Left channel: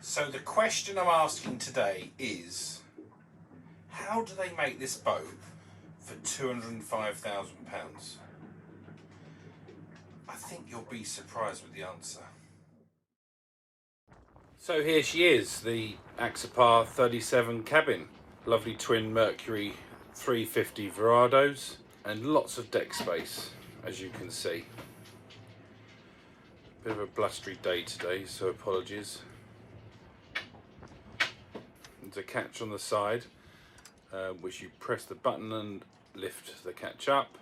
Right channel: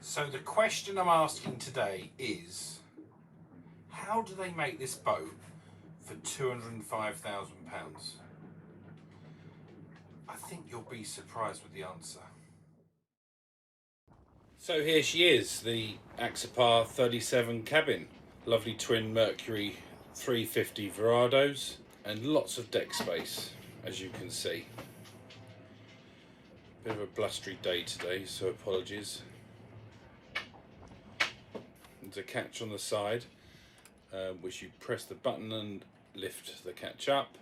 So the question I'm asking today is, how do they make this boat for £205,000? I think you'll be surprised with the answer. So here she is, the Axopar 37 cabin. Lovely twin Mercury 350 Verados and lots of deck space, as you can see. Bit of a blustery day today, so apologies. There's a catch on the side, which you press the button and lift the catch up.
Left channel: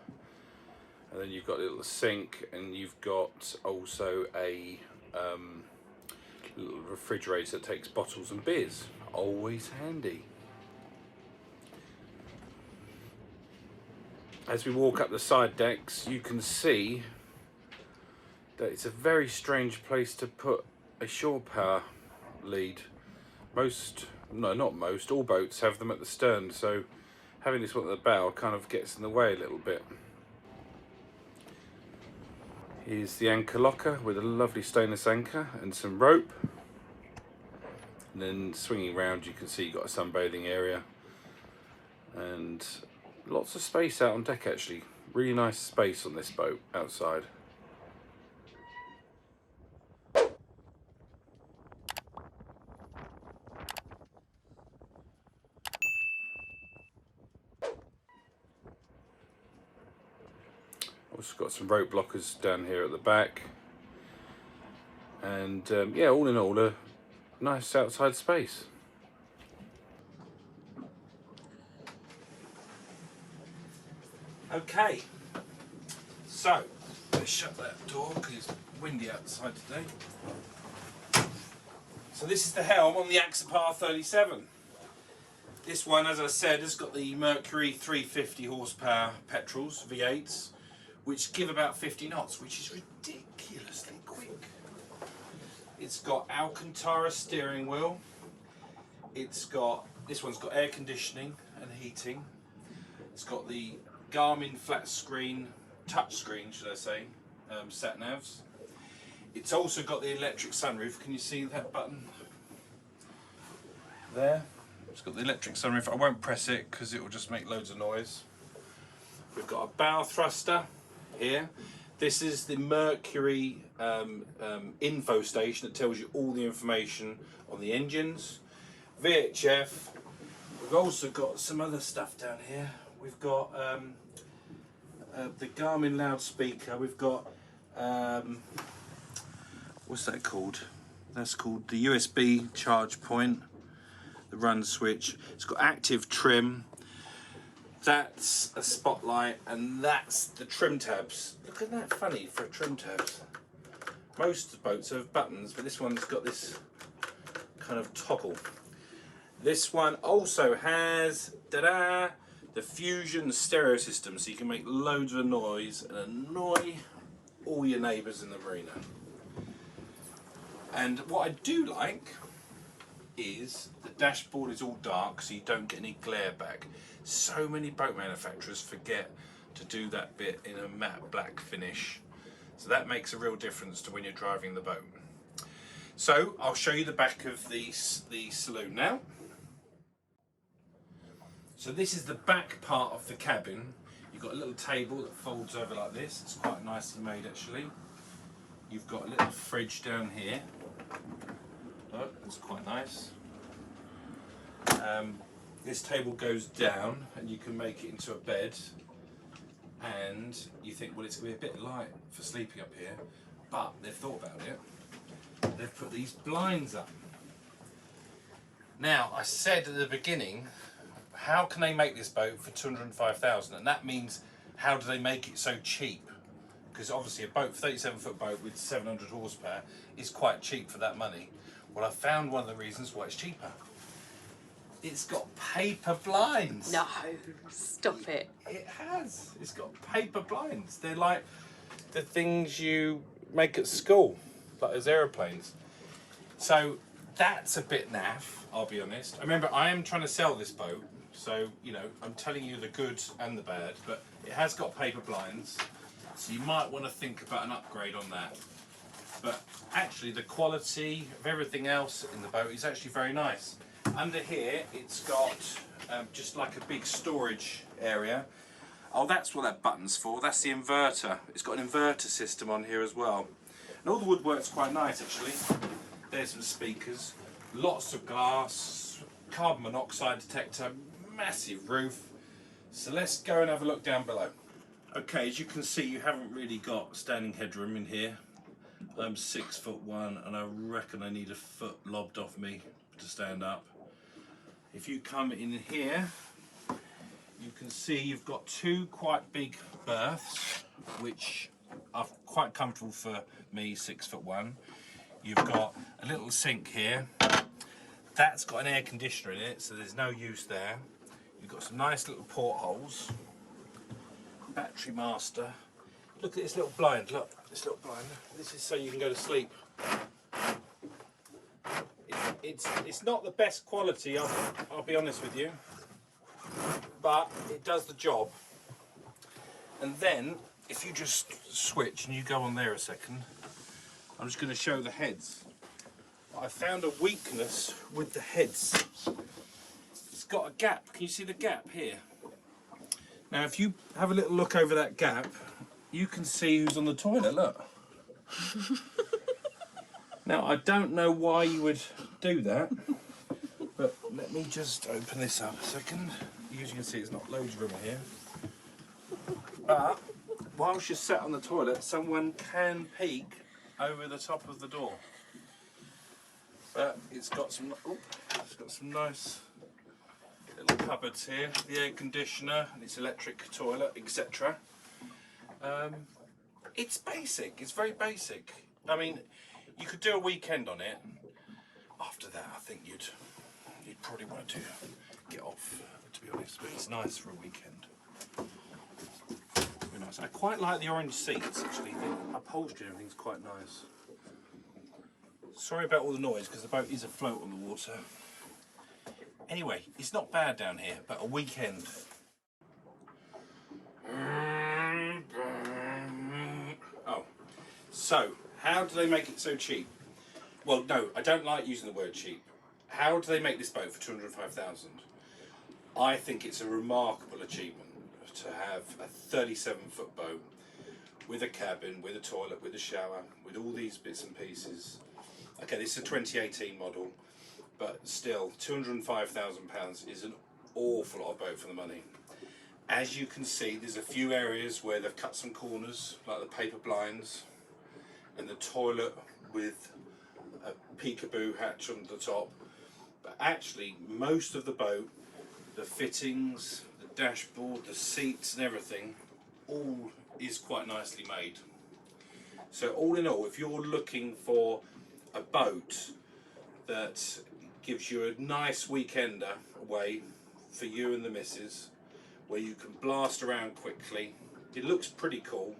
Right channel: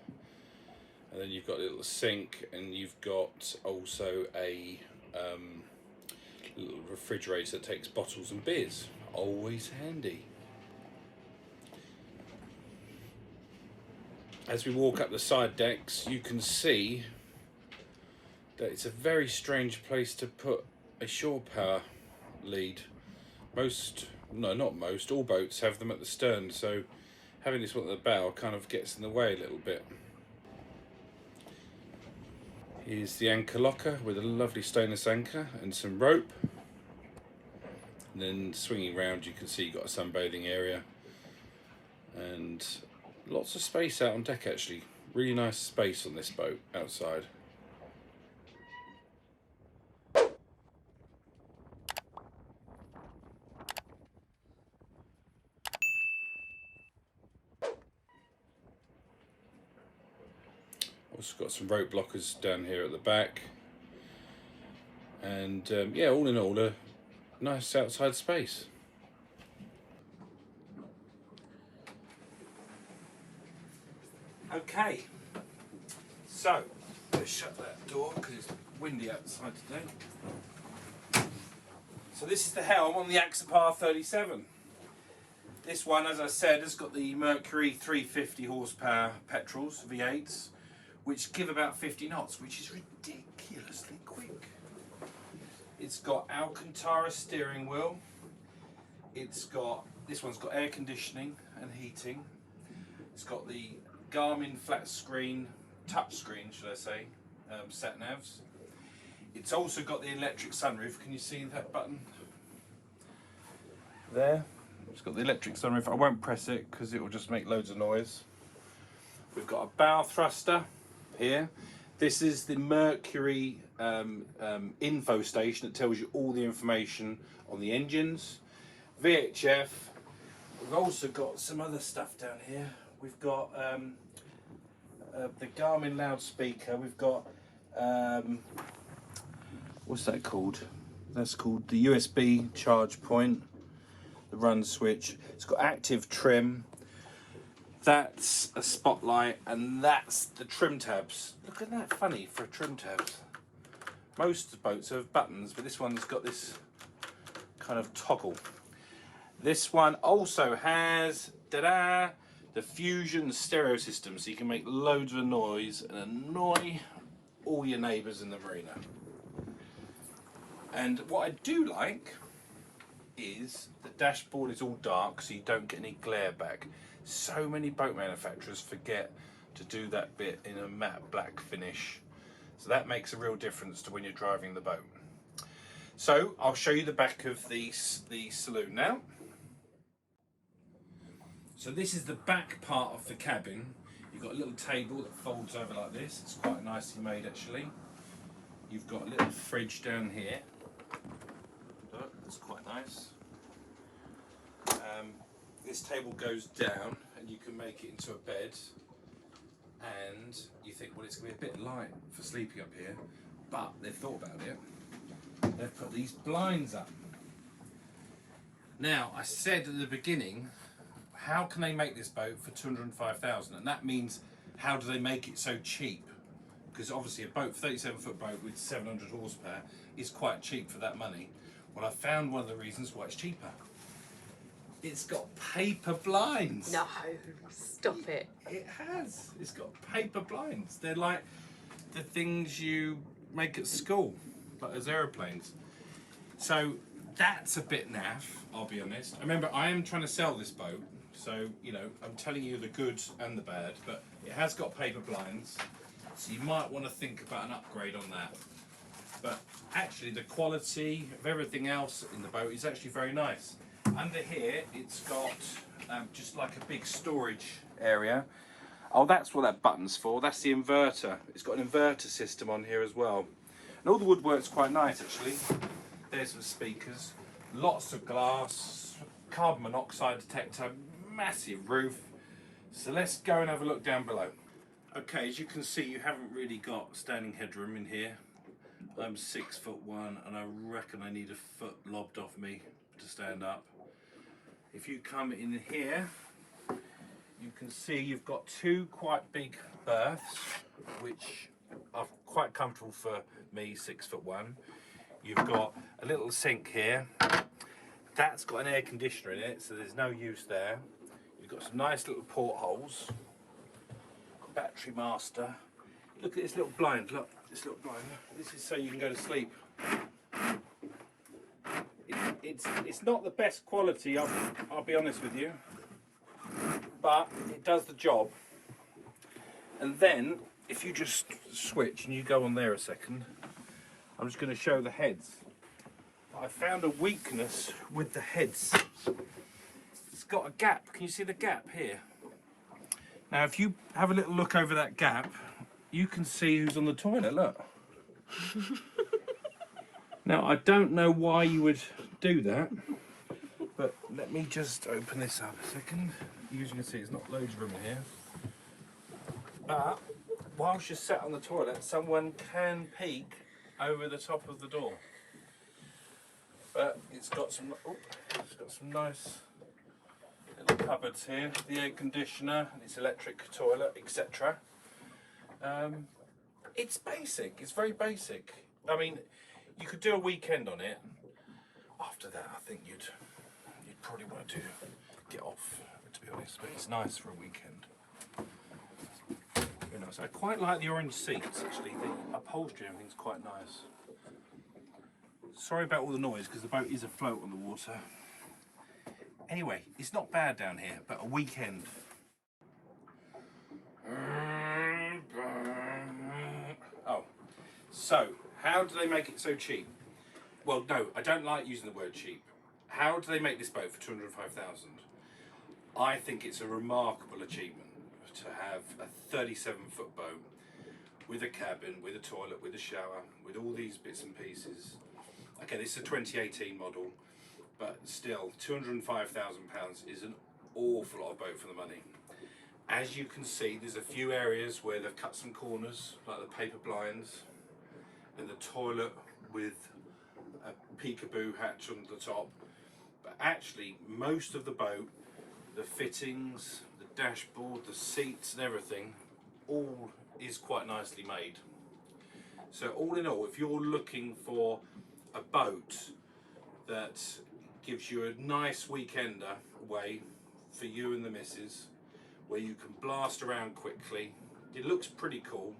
And then you've got a little sink, and you've got also a little refrigerator that takes bottles and beers. Always handy. As we walk up the side decks, you can see that it's a very strange place to put a shore power lead. All boats have them at the stern, so having this one at the bow kind of gets in the way a little bit. Here's the anchor locker with a lovely stainless anchor and some rope. And then swinging around, you can see you've got a sunbathing area and lots of space out on deck actually. Really nice space on this boat outside. Also got some rope blockers down here at the back. And yeah, all in all, a nice outside space. Okay, so let's shut that door because it's windy outside today. So this is the Helm on the Axopar 37. This one, as I said, has got the Mercury 350 horsepower petrols, V8s, which give about 50 knots, which is ridiculously quick. It's got Alcantara steering wheel. This one's got air conditioning and heating. It's got the Garmin flat screen, touch screen, should I say, sat navs. It's also got the electric sunroof. Can you see that button there? It's got the electric sunroof. I won't press it because it will just make loads of noise. We've got a bow thruster here. This is the Mercury info station that tells you all the information on the engines. VHF. We've also got some other stuff down here. We've got the Garmin loudspeaker. We've got what's that called? That's called the USB charge point, the run switch. It's got active trim. That's a spotlight, and that's the trim tabs. Look at that, funny for trim tabs. Most boats have buttons, but this one's got this kind of toggle. This one also has, ta-da, the Fusion stereo system, so you can make loads of noise and annoy all your neighbours in the marina. And what I do like is the dashboard is all dark, so you don't get any glare back. So many boat manufacturers forget to do that bit in a matte black finish, so that makes a real difference to when you're driving the boat. So I'll show you the back of the saloon now. So this is the back part of the cabin. You've got a little table that folds over like this. It's quite nicely made actually. You've got a little fridge down here. Look, it's quite nice. This table goes down and you can make it into a bed, and you think, well, it's going to be a bit light for sleeping up here, but they've thought about it. They've put these blinds up. Now, I said at the beginning, how can they make this boat for 205,000? And that means, how do they make it so cheap? Because obviously a boat, 37-foot boat with 700 horsepower is quite cheap for that money. Well, I found one of the reasons why it's cheaper. It's got paper blinds. No, stop it. It has. It's got paper blinds. They're like the things you make at school, like those aeroplanes. So that's a bit naff, I'll be honest. Remember, I am trying to sell this boat, so, you know, I'm telling you the good and the bad, but it has got paper blinds, so you might want to think about an upgrade on that. but actually the quality of everything else in the boat is actually very nice. Under here, it's got just like a big storage area. Oh, that's what that button's for. That's the inverter. It's got an inverter system on here as well. And all the woodwork's quite nice, actually. There's some speakers, lots of glass, carbon monoxide detector, massive roof. So let's go and have a look down below. Okay, as you can see, you haven't really got standing headroom in here. I'm 6'1" and I reckon I need a foot lobbed off me to stand up. If you come in here, you can see you've got two quite big berths, which are quite comfortable for me, 6'1". You've got a little sink here. That's got an air conditioner in it, so there's no use there. You've got some nice little portholes. Battery master. Look at this little blind, look, this little blind. This is so you can go to sleep. It's not the best quality, I'll be honest with you, but it does the job. And then, if you just switch and you go on there a second, I'm just going to show the heads. I found a weakness with the heads. It's got a gap. Can you see the gap here? Now, if you have a little look over that gap, you can see who's on the toilet, look. Now, I don't know why you would do that, but let me just open this up a second. As you can see, there's not loads of room in here. But, whilst you're sat on the toilet, someone can peek over the top of the door. But it's got some nice little cupboards here, the air conditioner, its electric toilet, etc. It's basic, it's very basic. I mean, you could do a weekend on it. After that, I think you'd probably want to get off, to be honest, but it's nice for a weekend. Very nice. I quite like the orange seats, actually. The upholstery and everything's quite nice. Sorry about all the noise, because the boat is afloat on the water. Anyway, it's not bad down here, but a weekend. Oh, so how do they make it so cheap? Well, no, I don't like using the word cheap. How do they make this boat for 205,000? I think it's a remarkable achievement to have a 37-foot boat with a cabin, with a toilet, with a shower, with all these bits and pieces. Okay, this is a 2018 model, but still, £205,000 is an awful lot of boat for the money. As you can see, there's a few areas where they've cut some corners, like the paper blinds, and the toilet with a peekaboo hatch on the top. But actually, most of the boat, the fittings, the dashboard, the seats and everything, all is quite nicely made. So all in all, if you're looking for a boat that gives you a nice weekender away for you and the missus, where you can blast around quickly, it looks pretty cool,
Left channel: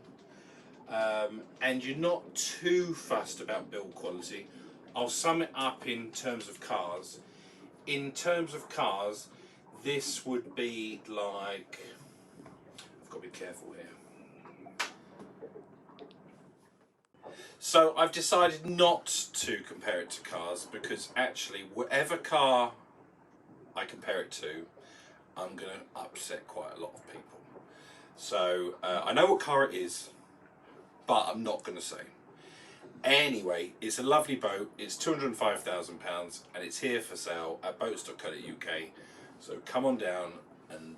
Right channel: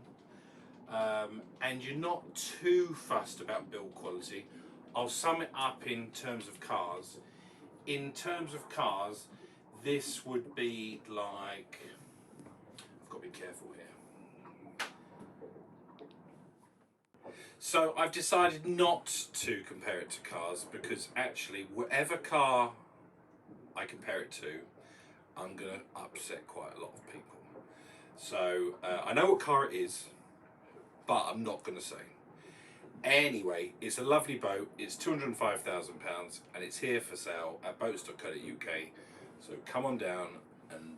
and you're not too fussed about build quality. I'll sum it up in terms of cars. In terms of cars, this would be like, I've got to be careful here. So I've decided not to compare it to cars, because actually whatever car I compare it to, I'm going to upset quite a lot of people. So I know what car it is, but I'm not going to say. Anyway, it's a lovely boat. It's £205,000 and it's here for sale at boats.co.uk. So come on down and